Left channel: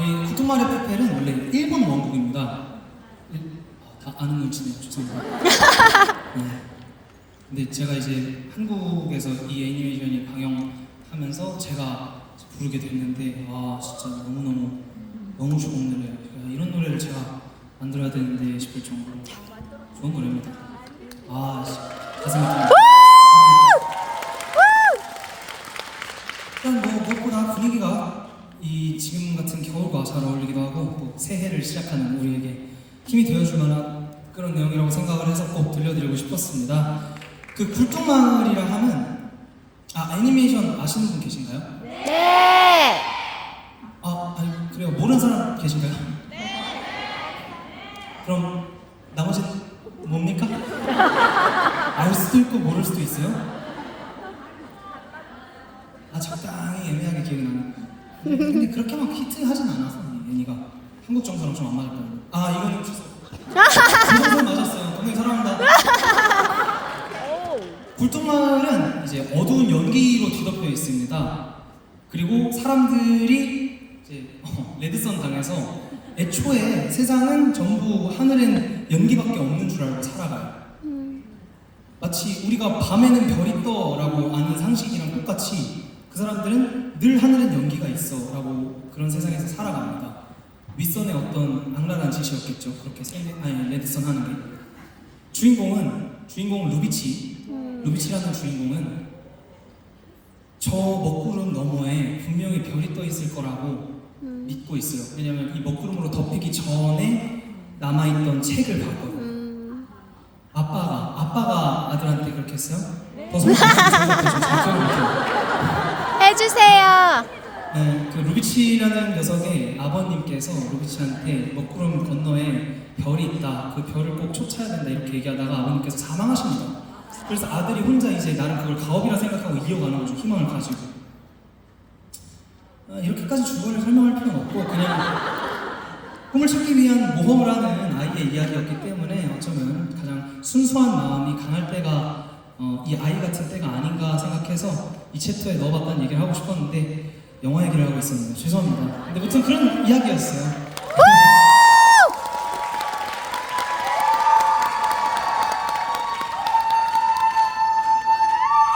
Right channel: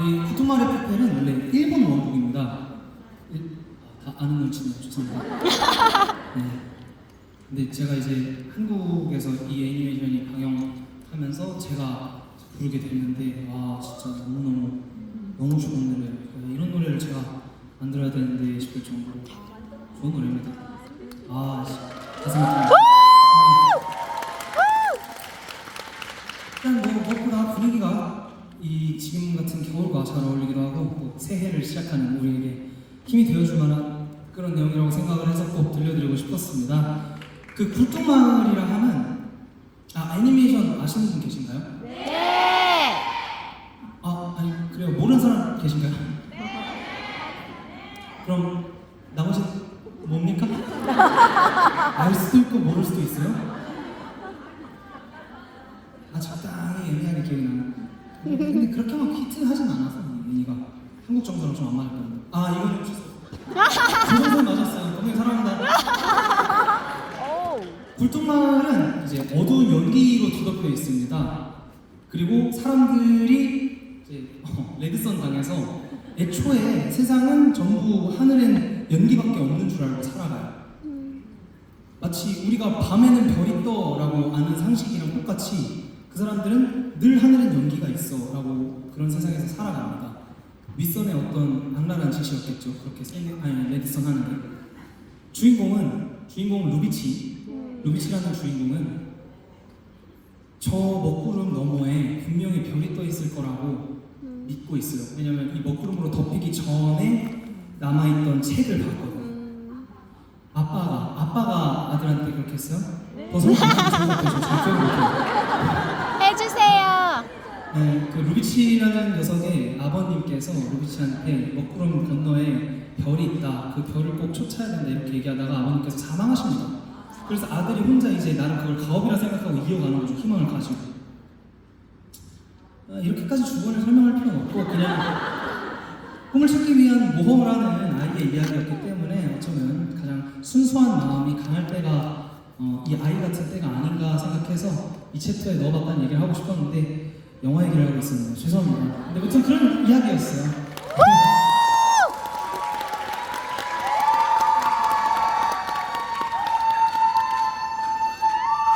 이 구토마레 페펠은 원래 일본 원곡입니다. 일- 아, 다 아는 눈치네요. 죄송합니다. 네. 근데 제가 이제 한국에서 이 애니메이션이 방영하면서 제가 부르게 됐는데 와 진짜 너무 너무 너무 좋은 노래예요. 야, 이런 노래를 제가 만들어야 되는데 싶을 정도로 좋은 노래입니다. 아 씨, 가슴이 좀 일단 뭐 무엇보다 분위기가 이 지금 같은 겨울과 잘 어울리기도 하고 또 새해를 시작하는 우리에게 힘이 되어줄 만한 그런 내용이라고 생각을 해서 꼭 들려드리고 싶었습니다. 그 굴뚝마을이라 하면 아 애니메이션 아시는 분 계신가요? 네. 아 아니 그래요 모르는 사람 계신가요? 그럼 나머지 뭡니까? 알 수도 있고 모를 수도 있어요? 아 적당히 애매하게 기억이 나는 근데 그렇게 막 히트하진 않아서 이 애니가 한국 정서랑 좀 안 맞을 거예요 아 이거는 취소 조성선 맞았어요 동생 사랑한다 오. 굴뚝마을은 이제 어두운 연기로 뒤덮여 있습니다. 그리고 사람들이 이제 어, 레드선 당해서 애초에 세상은 전부 하늘엔 연기밖에 없는 줄 알고 살아가요. 마치 우리가 밤에는 별이 떠라고 아는 상식이랑 똑같이 그 사람들은 늘 하늘엔 연기가 있어 라고 그런 세상에서 살아갑니다. 윗선의 어떤 악랄한 짓이었겠죠. 그렇게 세 아니 레드선 하는 게 주인공은 주인공 루비치 루비치라는 주인공은 저 먹구름 너머에 분명히 별이 떠 있을 거라고 믿고 있어요. 왜냐면 이 먹구름으로 덮이기 전에 남아있던 책을 봤거든요. 음. 아빠가 아빠가 아들한테 그렇게 했어요? 벗어나 저 네, 그 루비치라는 녀석의 아버님께서 루비치한테 먹구름 건너에 별이 있다. 그 별을 꼭 쫓아야 된다 이렇게 얘기하다가 아버님께서 사망하십니다. 그래서 아들이 혼자 이제 나는 그걸 가업이라 생각하고 이어가는 거죠. 희망을 가지고. 아, 이렇게까지 주거를 설명할 필요는 없고 그냥 꿈을 찾기 위한 모험을 하는 아이의 이야기였기 때문에 어쩌면 가장 순수한 마음이 강할 때가 어, 이 아이 같은 때가 아닌가 생각해서 이 챕터에 넣어봤다는 얘기를 하고 싶었는데 영화 얘기를 하고 있었는데 죄송합니다. 근데 무튼 그런 이야기였어요.